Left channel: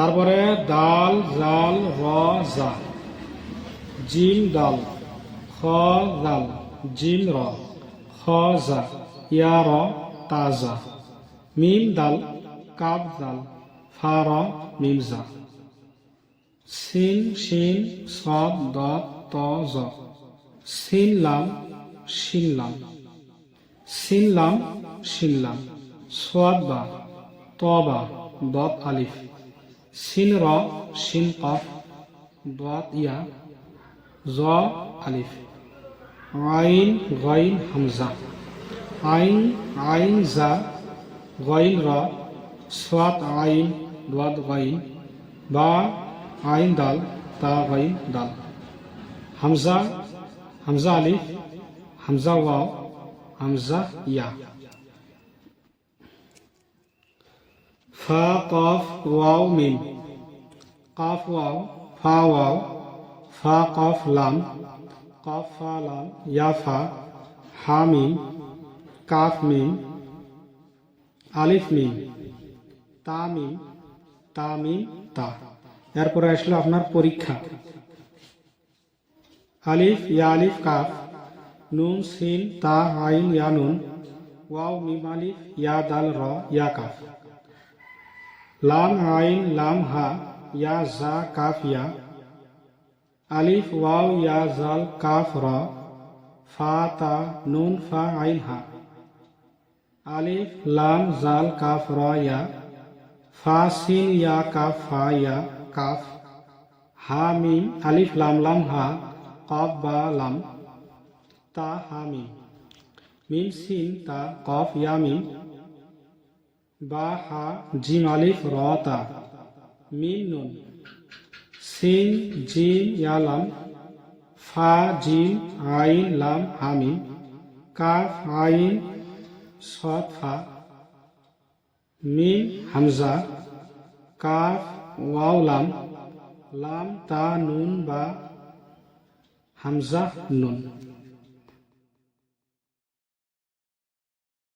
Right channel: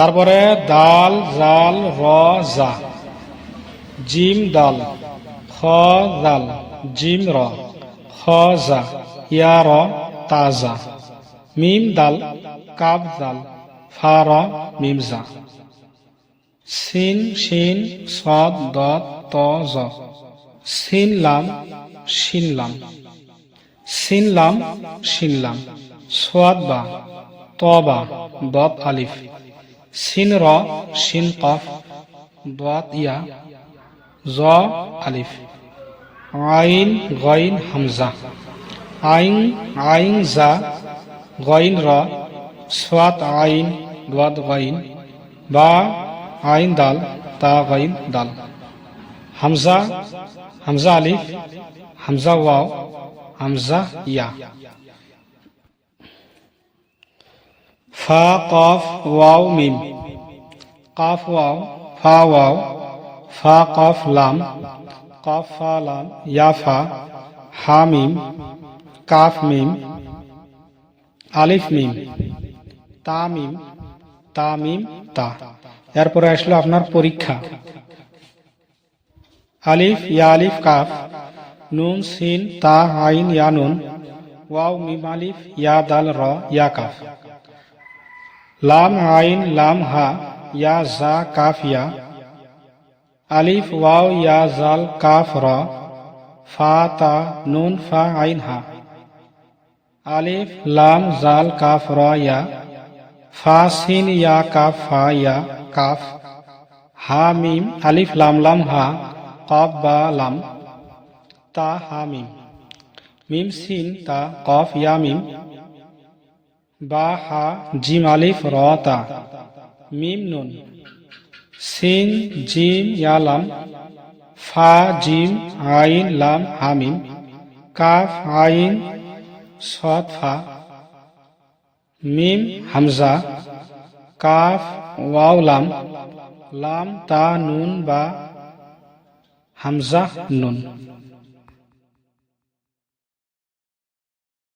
তারপরে দাল জাল র জা, জিম দাল, খ দাল, জিম র, খ জা, ইয়া র তাজা, মিম দাল, কাব দাল, ফা র মিম জা, সিন শিন সদ দত ত জ, সিন লাম শিন লাম, সিন লাম শিন লাম, সোয়াদ বা ত বা দত আলিফ, সিন র শিন কফ দত ইয়া জ আলিফ, আইন গইন হামজা, আইন আইন জা গইন র, সোয়াদ আইন দত গইন, বা আইন দাল তা গইন দাল, হামজা হামজা আলিফ, হামজা ওয়াও, হামজা ইয়া, ফা কফ ওয়াও মিম, কাফ ওয়াও ফা ওয়াও, ফা কফ লাম, কফ ফা লাম, ইয়া ফা, হা মিম, কাফ মিম, আলিফ মিম, তা মিম, তা মিম তা। এরপরে আসলো আপনার পরীক্ষা। আলিফ ইয়া আলিফ কাফ, নুন সিন তা আইন ইয়া নুন, ওয়াও মিম আলিফ ইয়া দাল র ইয়া কাফ, লাম আইন লাম হা ইয়া জা কাফ ইয়া, আলিফ ওয়াও ইয়া জাল কাফ র, ফা তা নুন ফা আইন হা, আলিফ লাম জাল কাফ র ইয়া, ফা সিন ইয়া কাফ ফা ইয়া কাফ, হা মিম আলিফ লাম লাম হা, কফ বা লাম, তা হা মিম, মিম সিন তা কফ ইয়া মিম, বা হা জিম আলিফ র তা, মিম নুন, সিন জিম ইয়া লাম, ফা জিম আইন লাম হা মিম, কাফ আইন সদ ফা, মিম হামজা, কাফ ওয়াও লাম, লাম তা নুন বা হামজা নুন।